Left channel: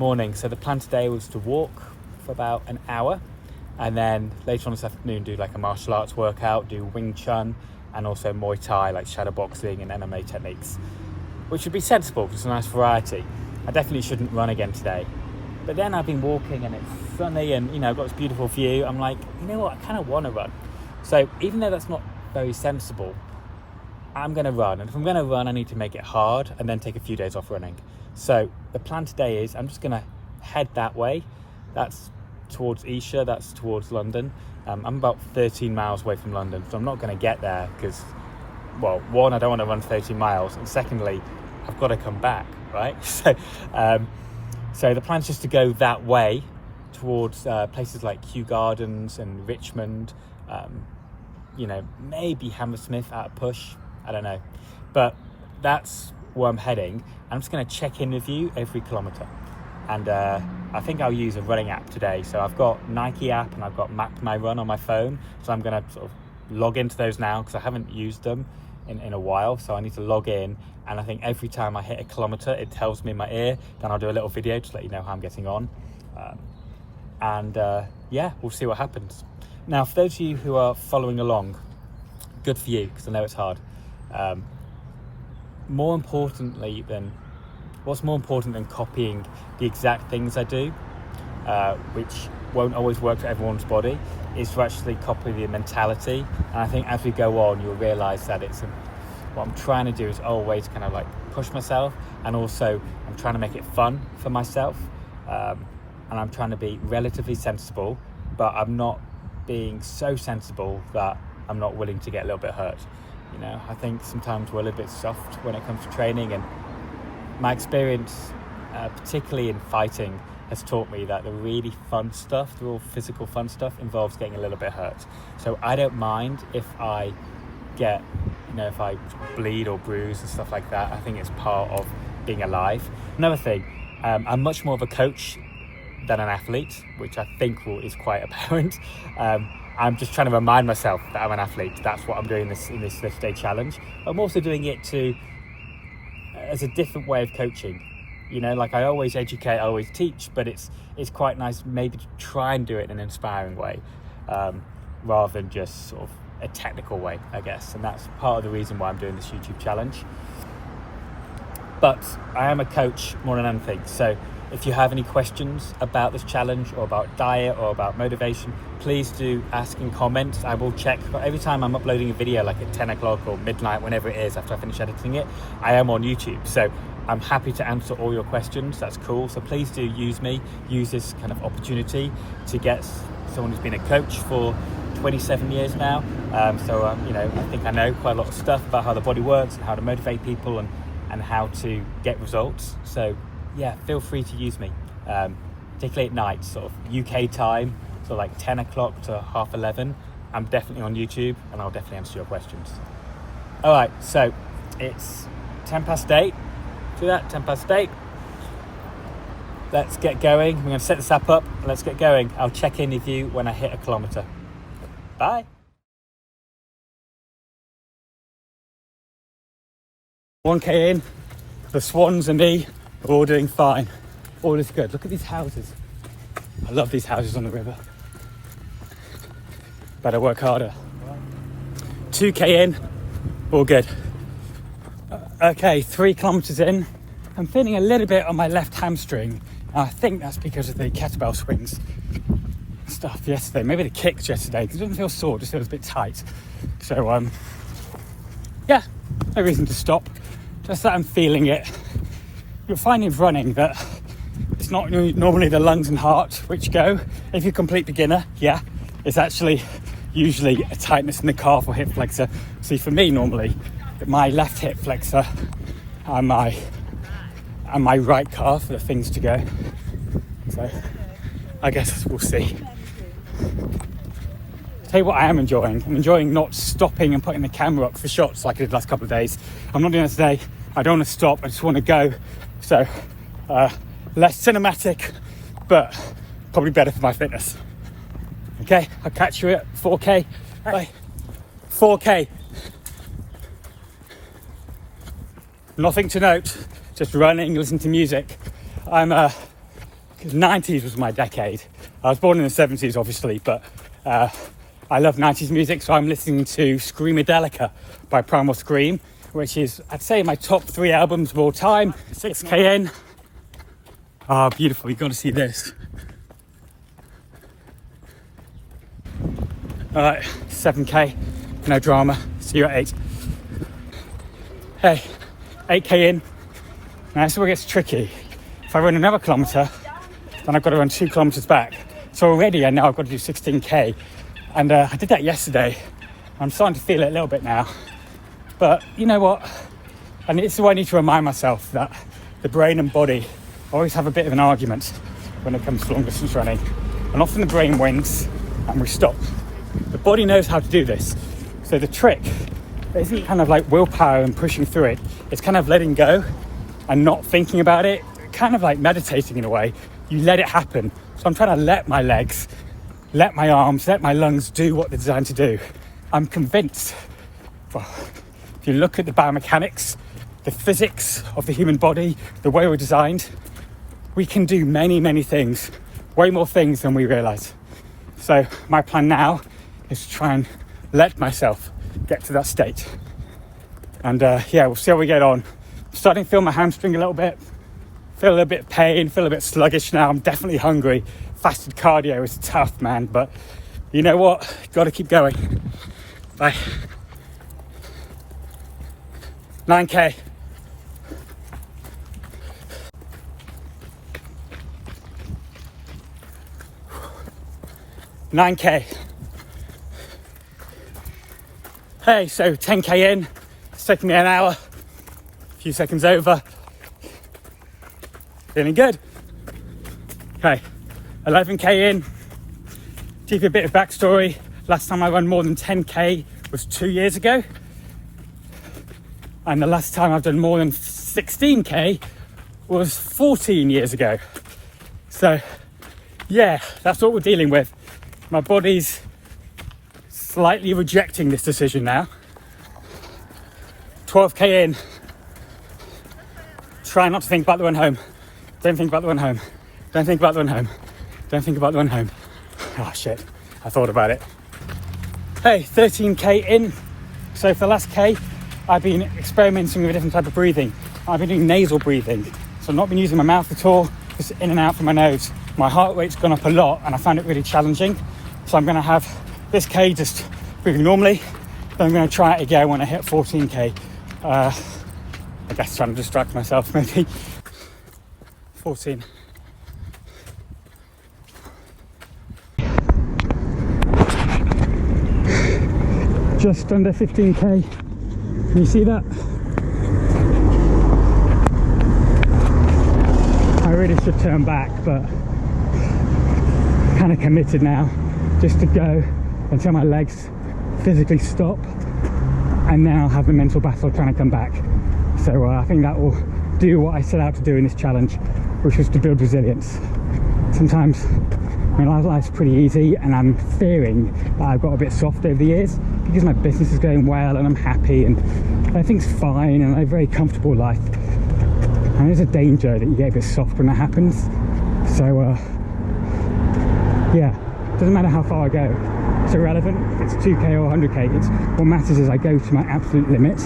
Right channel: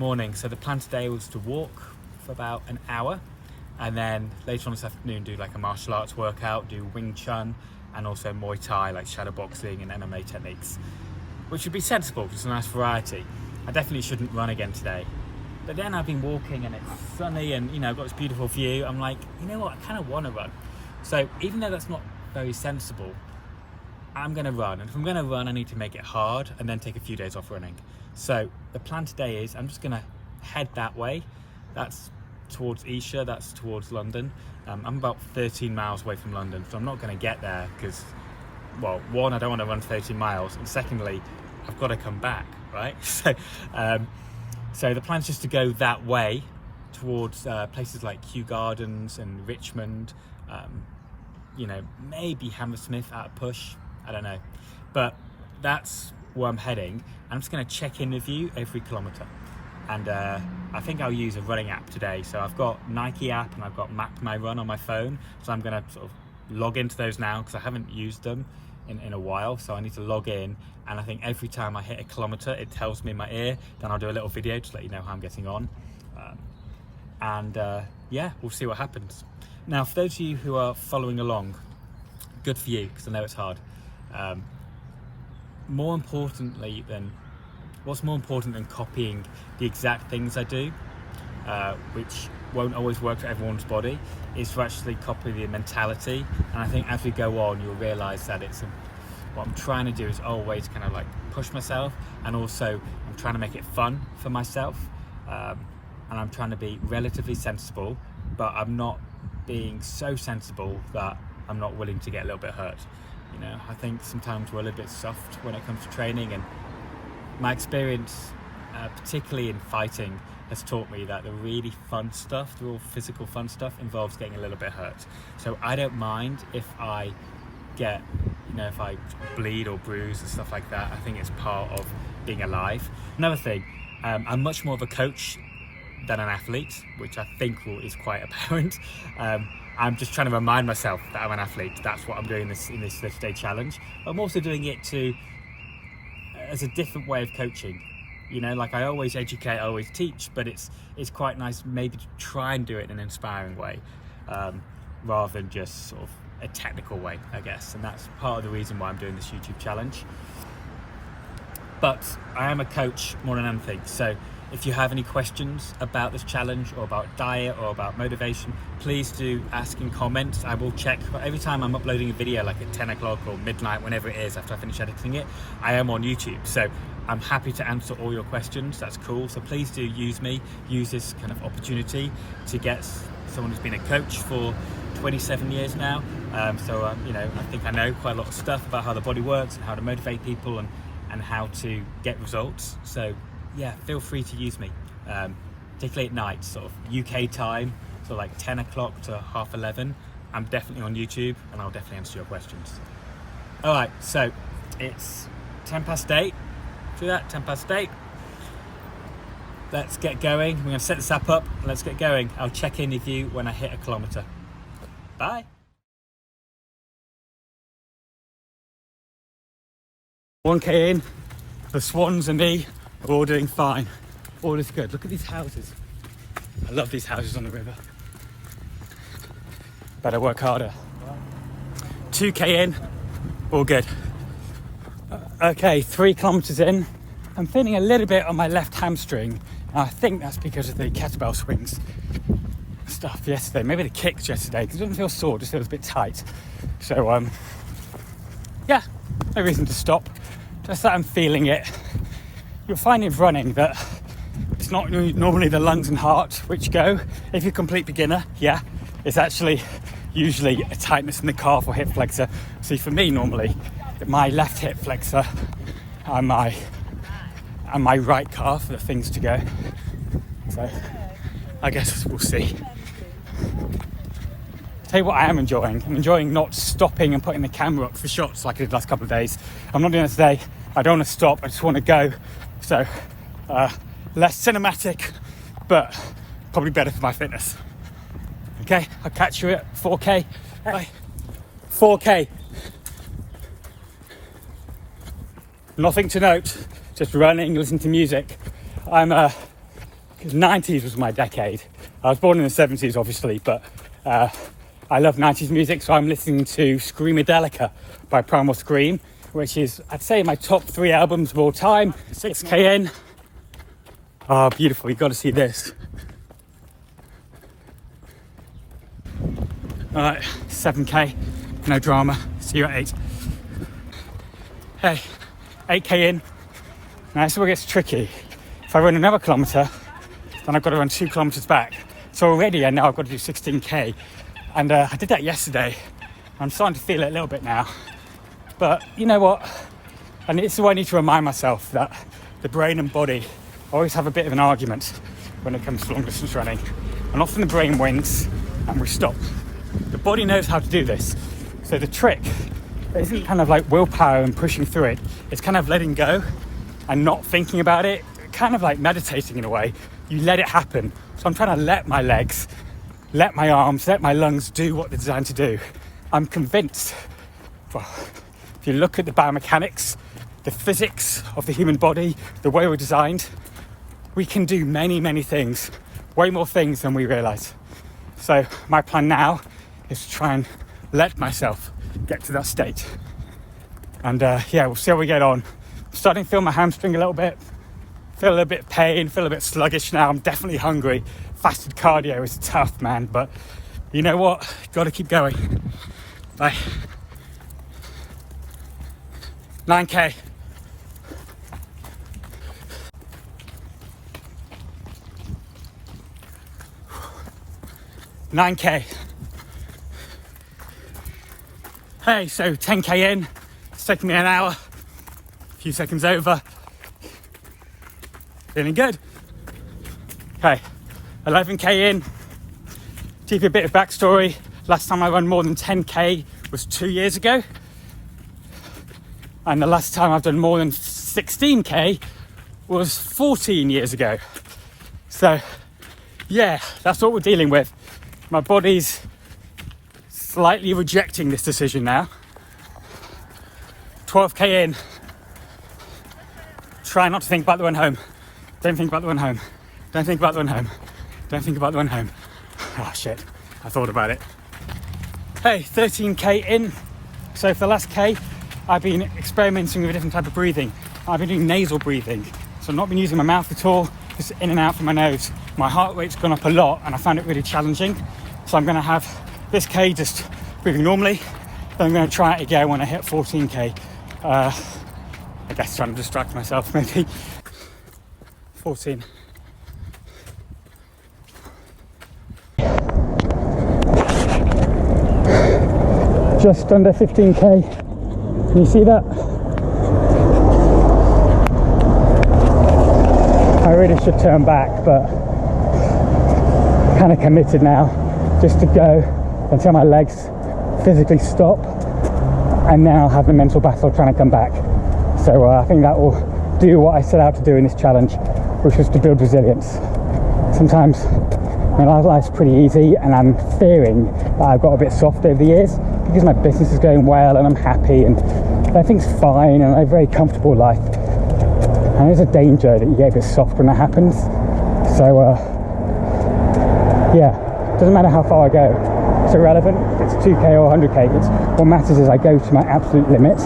Morning. So the plan today was to walk for about an hour, and then later on this afternoon do like a martial arts workout, do Wing Chun and also Muay Thai, like shadow boxing and MMA techniques, which would be sensible because it's a nice variety. I definitely shouldn't run again today. But then I've been walking and it's sunny and I've got this beautiful view. I'm like, you know what, I kind of want to run. So even though that's not very sensible, I'm going to run. And if I'm going to run, I need to make it hard and then take a few days off running. So the plan today is I'm just going to head that way. That's towards Esher, that's towards London. I'm about 13 miles away from London, so I'm not going to get there because, well, one, I don't want to run 13 miles, and secondly, I've got to come back, right? So the plan's just to go that way towards places like Kew Gardens and Richmond, maybe Hammersmith at a push, I don't know. But that's where I'm heading. I'm just going to check in with you every kilometre. And I think I'll use a running app today. So I've got Nike app and I've got Map My Run on my phone. So I'm going to sort of log into those now because I haven't used them in a while. So I need to log in. And I think every time I hit a kilometre, it tells me in my ear. Then I'll do a little video to let you know how I'm getting on. Yeah, we'll see what happens. Now, for those of you who are following along, good for you, because I know it's hard. What's more important than copying the exact things I do, which won't always work for everyone's body, is to actually copy the mentality. And I think as we go on, you'll realise that what I'm trying to do is always kind of like push myself, and also I'm trying to make it fun for myself. And I'm trying to be relatively sensible, but I'm not being so sensible that I'm not willing to get a little bit hurt. I think sometimes we're a little bit soft when it comes to training, and my experience, particularly in fighting, has taught me that the really fun stuff, the real physical fun stuff, involves getting a little bit hurt. So I don't mind if I get, if I bleed or bruise and stuff like that. I think it's part of being alive. Another thing, I'm much more of a coach than an athlete, which I think is quite apparent. I'm just trying to remind myself that I'm an athlete. That's what I'm doing in this Lift Day challenge. I'm also doing it as a different way of coaching. Like I always educate, I always teach, but it's quite nice maybe to try and do it in an inspiring way, rather than just sort of a technical way, I guess. And that's part of the reason why I'm doing this YouTube challenge. But I am a coach more than anything. So if you have any questions about this challenge or about diet or about motivation, please do ask in comments. I will check every time I'm uploading a video, like at 10 o'clock or midnight, whenever it is after I finish editing it. I am on YouTube, so I'm happy to answer all your questions. That's cool. So please do use this kind of opportunity to get someone who's been a coach for 27 years now. I think I know quite a lot of stuff about how the body works and how to motivate people and how to get results. So yeah, feel free to use me, particularly at night, sort of UK time, so like 10 o'clock to 11:30. I'm definitely on YouTube and I'll definitely answer your questions. All right, so it's 8:10. See that? 8:10. Let's get going. We're going to set this app up. Let's get going. I'll check in with you when I hit a kilometre. Bye. 1K in, the swans and me are all doing fine. All is good. Look at these houses. I love these houses on the river. Better work harder. 2K in, all good. Okay, 3 kilometers in. I'm feeling a little bit on my left hamstring. I think that's because of the kettlebell swings stuff yesterday. Maybe the kicks yesterday, because it doesn't feel sore, it just feels a bit tight. So, yeah, no reason to stop. Just that I'm feeling it. You'll find in running that it's not normally the lungs and heart which go. If you're a complete beginner, yeah, it's actually usually a tightness in the calf or hip flexor. See, for me, normally, my left hip flexor and my right calf are the things to go. So I guess we'll see. Tell you what I am enjoying. I'm enjoying not stopping and putting the camera up for shots like I did the last couple of days. I'm not doing that today. I don't want to stop. I just want to go. So less cinematic, but probably better for my fitness. Okay, I'll catch you at 4K. Bye. 4K. Nothing to note, just running, listening to music. I'm 90s was my decade. I was born in the 70s, obviously, but I love 90s music, so I'm listening to Screamadelica by Primal Scream, which is, I'd say, my top 3 albums of all time. 6k in. Oh, beautiful. You've got to see this. All right, 7k. No drama. See you at 8. Hey, 8k in. Now, this is where it gets tricky. If I run another kilometre, then I've got to run 2 kilometres back. So already, I know I've got to do 16k. And I did that yesterday. I'm starting to feel it a little bit now. But you know what? And this is why I need to remind myself that the brain and body always have a bit of an argument when it comes to long distance running. And often the brain wins and we stop. The body knows how to do this. So the trick isn't kind of like willpower and pushing through it. It's kind of letting go and not thinking about it. Kind of like meditating in a way. You let it happen. So I'm trying to let my legs, let my arms, let my lungs do what they're designed to do. I'm convinced. Well, if you look at the biomechanics, the physics of the human body, the way we're designed, we can do many, many things, way more things than we realise. So my plan now is to try and let myself get to that state. And yeah, we'll see how we get on. I'm starting to feel my hamstring a little bit, feel a little bit of pain, feel a bit sluggish now. I'm definitely hungry. Fasted cardio is tough, man, but you know what? Got to keep going. Bye. 9k. Hey, so 10k in. It's taking me an hour. A few seconds over. Feeling good. Okay, 11k in. To give you a bit of backstory, last time I ran more than 10k was 2 years ago. And the last time I've done more than 16k was 14 years ago. So yeah, that's what we're dealing with. My body's slightly rejecting this decision now. 12k in. Try not to think about the one home. Don't think about the one home. Don't think about the one home. Don't think about the one home. Oh shit, I thought about it. Hey, 13k in. So for the last k, I've been experimenting with a different type of breathing. I've been doing nasal breathing. So I've not been using my mouth at all, just in and out from my nose. My heart rate's gone up a lot and I found it really challenging. So I'm gonna have this k just breathing normally. Then I'm gonna try it again when I hit 14k. I guess trying to distract myself maybe. 14. Just under 15k. Can you see that? I really should turn back, but I'm kind of committed now just to go until my legs physically stop, and then I'll have the mental battle trying to come back. So I think that will do what I set out to do in this challenge, which was to build resilience. Sometimes my life's pretty easy and I'm fearing that I've got a bit soft over the years because my business is going well and I'm happy and everything's fine and I have a very comfortable life. And there's a danger that you get a bit soft when that happens. So yeah, doesn't matter how far I go. It's irrelevant if it's 2k or 100k. It's what matters is I go to my absolute limit,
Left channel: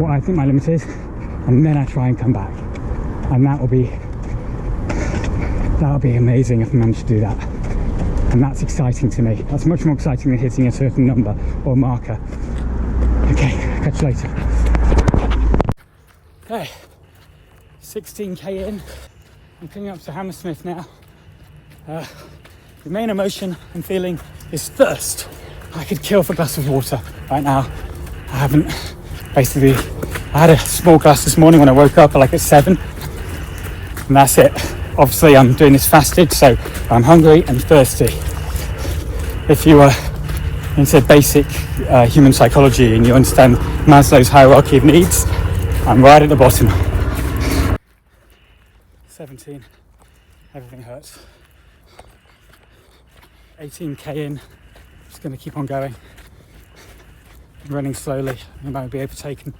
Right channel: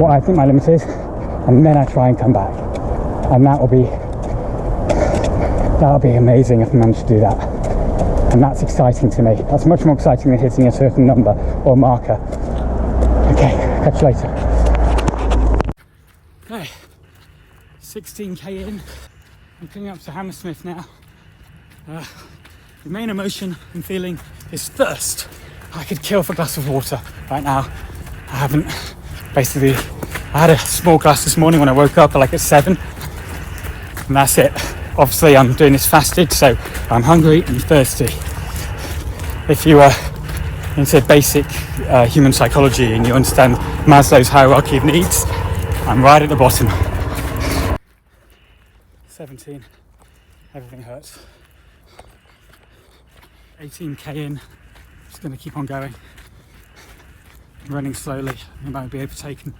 what I think my limit is, and then I try and come back. And that'll be amazing if I manage to do that. And that's exciting to me. That's much more exciting than hitting a certain number or marker. Okay, catch you later. Okay, 16k in. I'm coming up to Hammersmith now. The main emotion I'm feeling is thirst. I could kill for a glass of water right now. I haven't. Basically, I had a small glass this morning when I woke up like at 7. And that's it. Obviously I'm doing this fasted, so I'm hungry and thirsty. If you are into basic human psychology and you understand Maslow's hierarchy of needs, I'm right at the bottom. 17, everything hurts. 18k in, just gonna keep on going. Running slowly, I might be overtaken.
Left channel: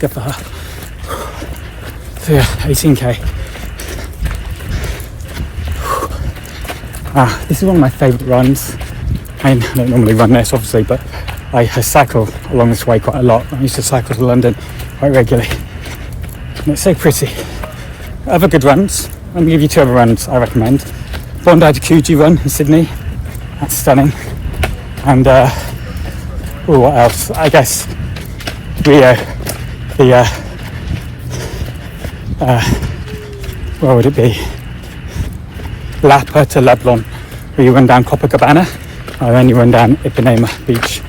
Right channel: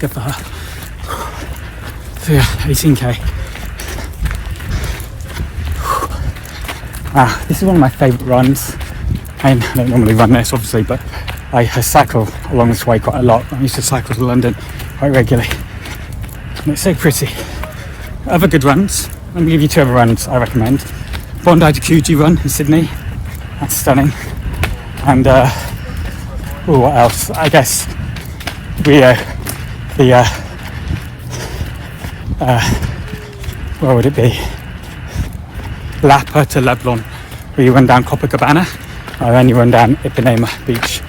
Good for her. So yeah, 18k. This is one of my favourite runs. I don't normally run this obviously, but I cycle along this way quite a lot. I used to cycle to London quite regularly. And it's so pretty. Other good runs, let me give you 2 other runs I recommend. Bondi to Coogee run in Sydney, that's stunning. And what else? I guess where would it be? Lapa to Leblon, where you run down Copacabana and then you run down Ipanema Beach.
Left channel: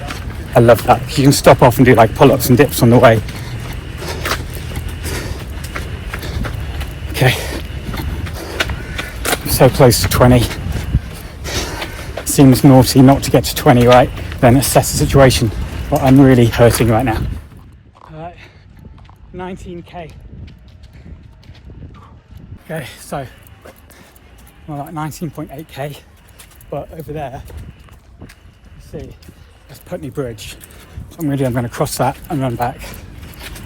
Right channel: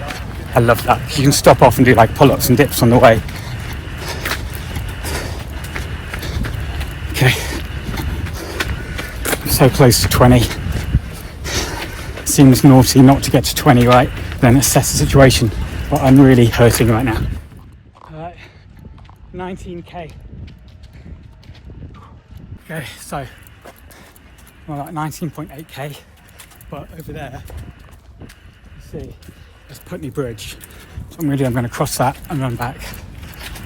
I love that. You can stop off and do like pull-ups and dips on the way. Okay, so close to 20. Seems naughty not to get to 20, right? Then assess the situation. What I'm really hurting right now. Alright, 19k. Okay, so we're like 19.8k, but over there, you see, there's Putney Bridge. So I'm going to cross that and run back.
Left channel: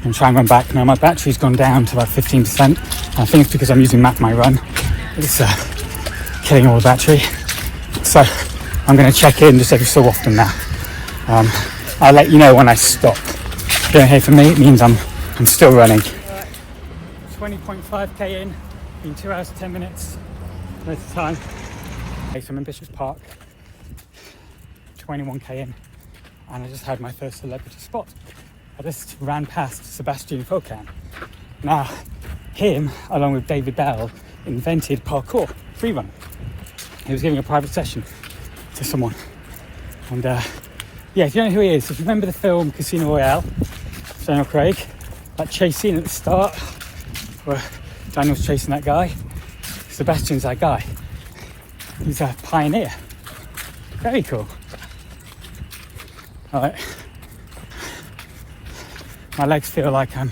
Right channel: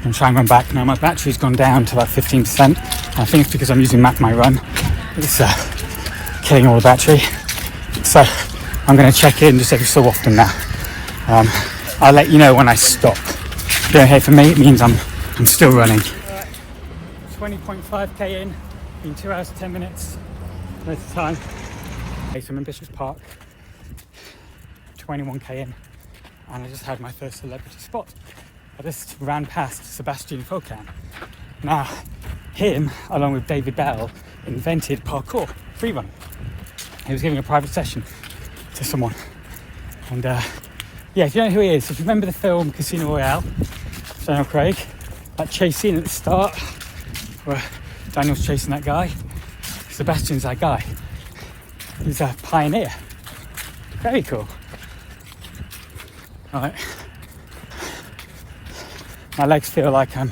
And try and run back. Now my battery's gone down to about 15%. I think it's because I'm using Map My Run. It's killing all the battery. So I'm going to check in just every so often now. I'll let you know when I stop. Go ahead, for me it means I'm still running. 20.5k in 2 hours 10 minutes. Most of the time. Okay, so I'm in Business Park. 21k in, and I just had my first celebrity spot. I just ran past Sebastian Cocan. Now, him, along with David Bell, invented parkour, free run. He was giving a private session to someone. And yeah, if you don't know who he is, if you remember the film Casino Royale, Daniel Craig, that chase scene at the start, where Daniel's chasing that guy, Sebastian's that guy. He's a pioneer. Very cool. Alright. My legs feel like I'm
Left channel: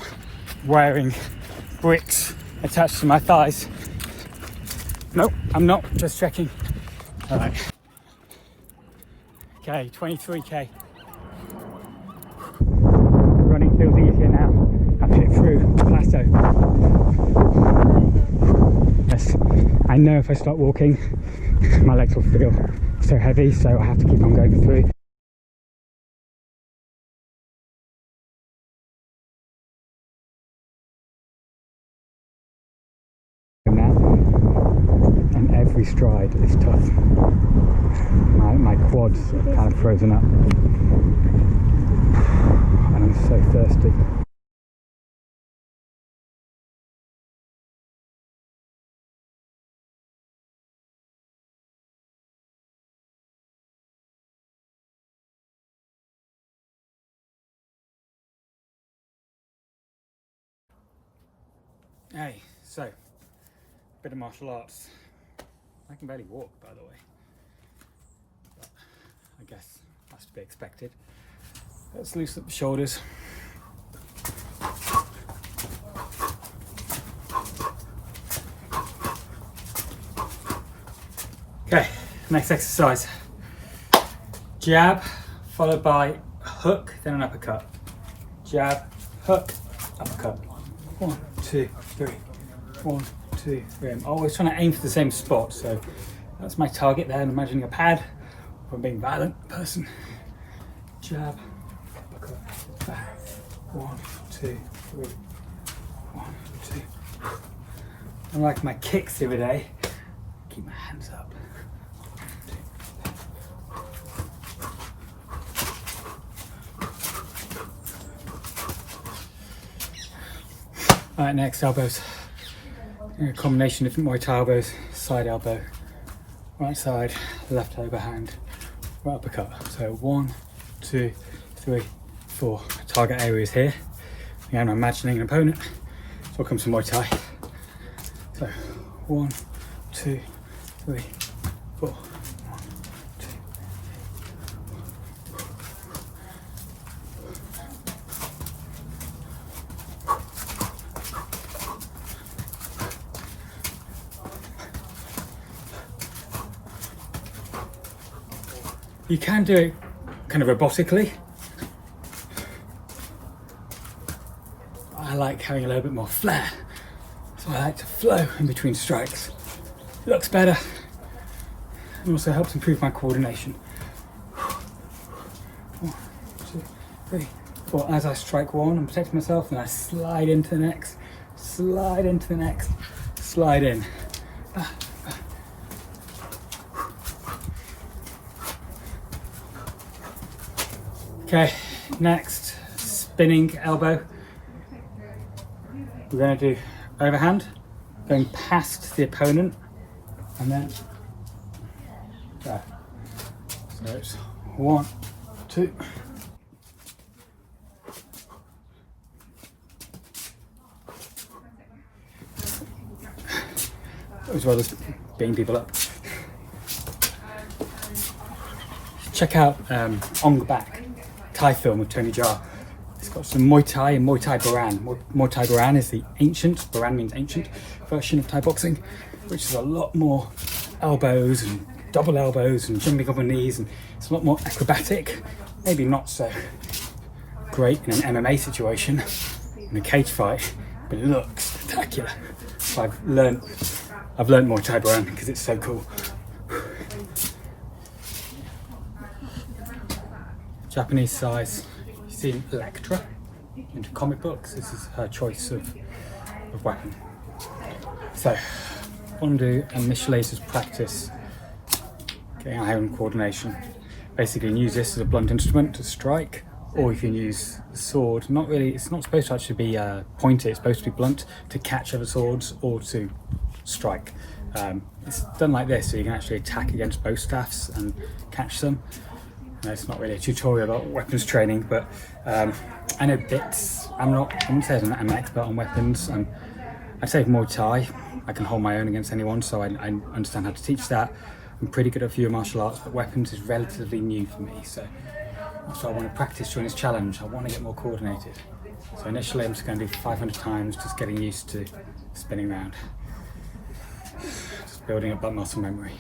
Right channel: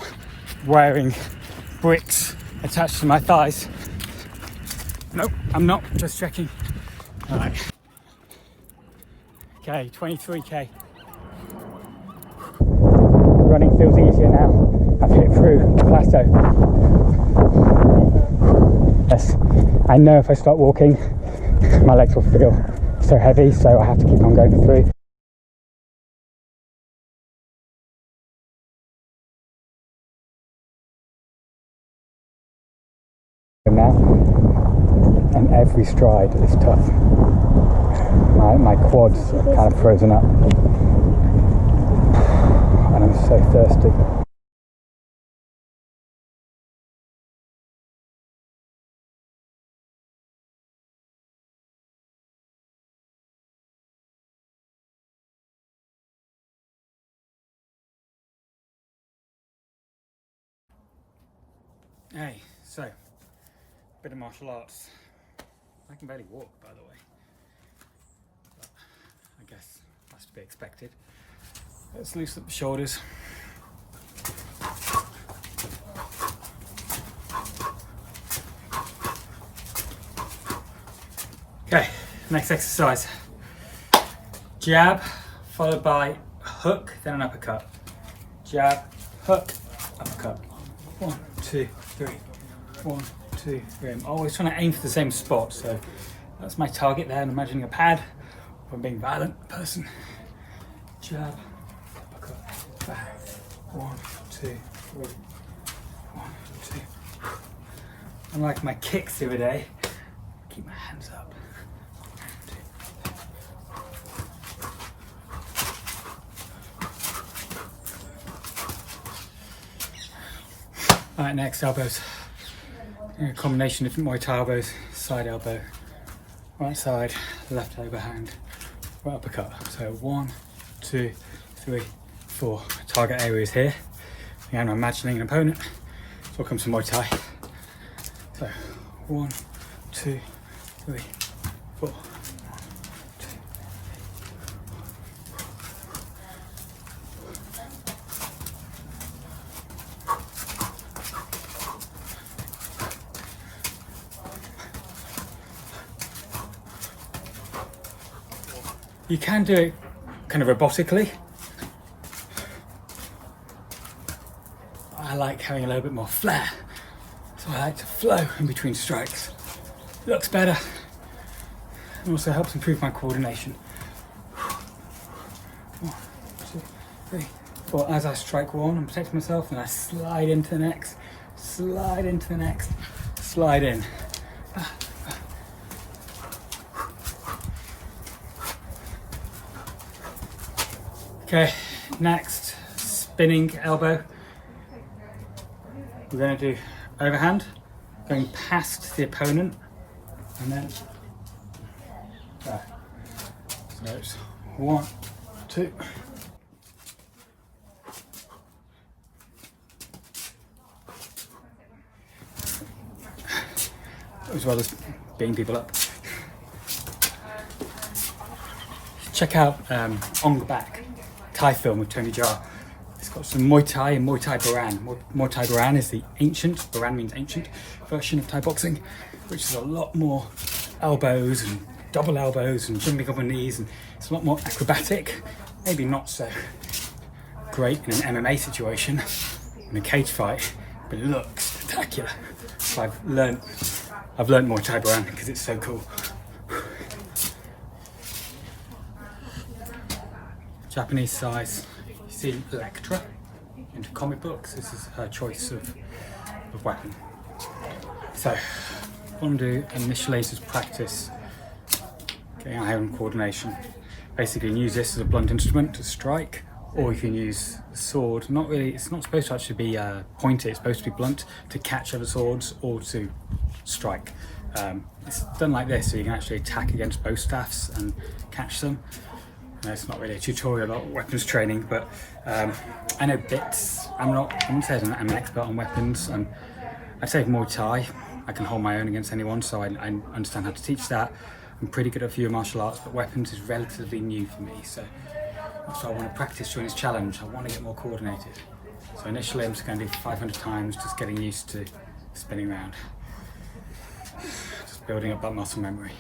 wearing bricks attached to my thighs. Nope, I'm not, just checking. Alright. Okay, 23k. Running feels easier now. I've hit through the plateau. Yes, I know if I start walking, my legs will feel so heavy, so I have to keep on going through. Now, and every stride is tough. My quads are kind of frozen up, and I'm so thirsty. Hey, so, bit of martial arts. I can barely walk, by the way. But I guess that's to be expected. Let's loosen up the shoulders. Okay, next exercise. Jab, followed by hook, then an uppercut. Jab, hook, uppercut. 1, 2, 3. 1, 2, 3. I'm always trying to aim for the same spot, so that's my target there. And imagining a pad, if I'm being a violent person. Jab, uppercut, back. 1, 2, 3. 1, 2. Unlike my kicks the other day, keep my hands up. 1, 2, 3. Alright, next elbows. A combination of different Muay Thai elbows. Side elbow, right side, left overhand, right uppercut. So 1, 2, 3, 4. Target areas here. Again, I'm imagining an opponent. So I'll come to Muay Thai. So 1, 2, 3, 4. 1, 2. You can do it kind of robotically. I like having a little bit more flair. So I like to flow in between strikes. Looks better and also helps improve my coordination. 1, 2, 3, 4. As I strike one, I'm protecting myself, and I slide into the next, slide into the next, slide in. Okay, next, spinning elbow. We're going to do overhand, going past the opponent, and then there. So it's 1, 2. As well as beating people up. Check out On the Back, Thai film with Tony Jaa. It's got some Muay Thai and Muay Thai Baran. Muay Thai Baran is the ancient, Baran means ancient, version of Thai boxing, which is a lot more elbows and double elbows and jumping up on knees, and it's a lot more acrobatic. Maybe not so great in an MMA situation, in a cage fight, but it looks spectacular. So I've learned Muay Thai Baran because it's so cool. Japanese size. You've seen Electra into comic books. This is her choice of weapon. So what I'm going to do initially is just practice getting our hand coordination. Basically, you can use this as a blunt instrument to strike, or you can use the sword. Not really, it's not supposed to actually be pointed, it's supposed to be blunt to catch other swords or to strike. It's done like this, so you can actually attack against bow staffs and catch them. It's not really a tutorial about weapons training, but I know bits. I wouldn't say I'm an expert on weapons. I'd say Muay Thai, I can hold my own against anyone, so I understand how to teach that. I'm pretty good at a few martial arts, but weapons is relatively new for me, so that's what I want to practice during this challenge. I want to get more coordinated. So initially I'm just going to do 500 times, just getting used to spinning around. Just building up that muscle memory.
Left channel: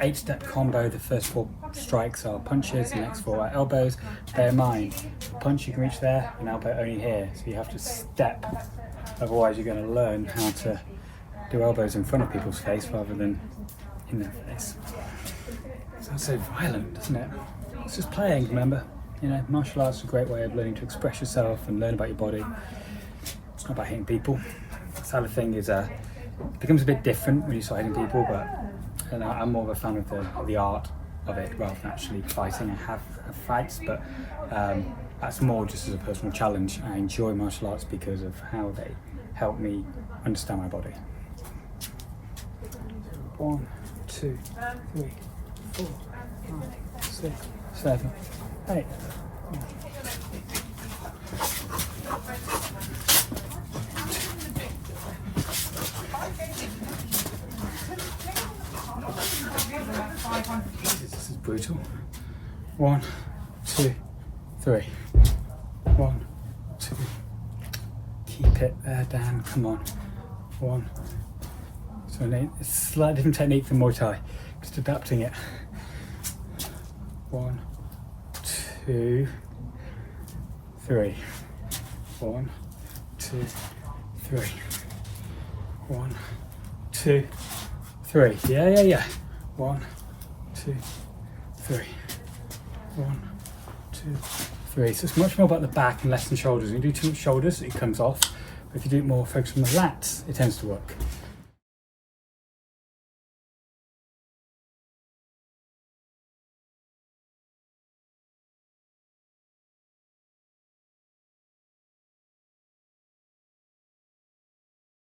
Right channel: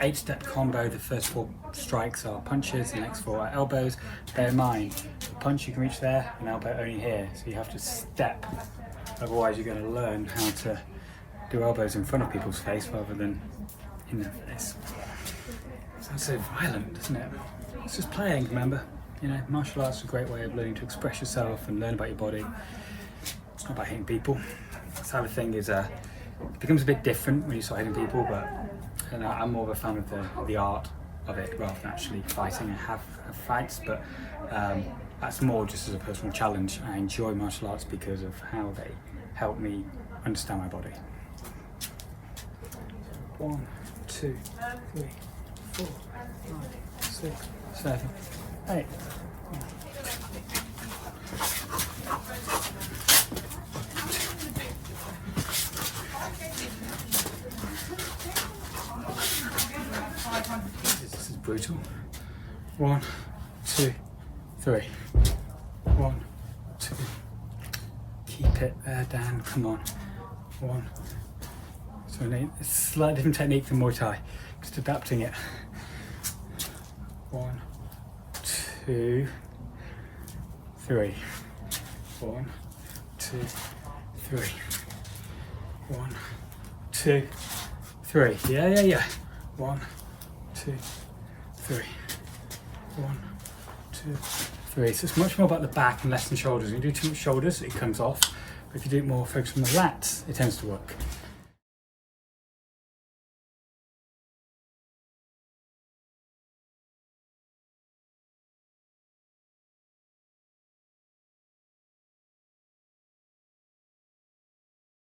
Eight-step combo. The first 4 strikes are punches, the next 4 are elbows. Bear in mind, the punch you can reach there, and elbow only here, so you have to step. Otherwise you're going to learn how to do elbows in front of people's face rather than in their face. Sounds so violent, doesn't it? It's just playing, remember? You know, martial arts is a great way of learning to express yourself and learn about your body. It's not about hitting people. This other thing is, it becomes a bit different when you start hitting people, but I'm more of a fan of the art of it rather than actually fighting. I have fights, but that's more just as a personal challenge. I enjoy martial arts because of how they help me understand my body. 1, 2, 3, 4, 5, 6, 7, 8. This is brutal. 1, 2, 3. 1, 2. Keep it there, Dan. Come on. 1. So it's a slightly different technique than Muay Thai. Just adapting it. 1, 2, 3. 1, 2, 3. 1, 2, 3. Yeah. 1, 2, 3. 1, 2, 3. So it's much more about the back and less than shoulders. When you do too much shoulders, it comes off. But if you do it more focused on the lats, it tends to work.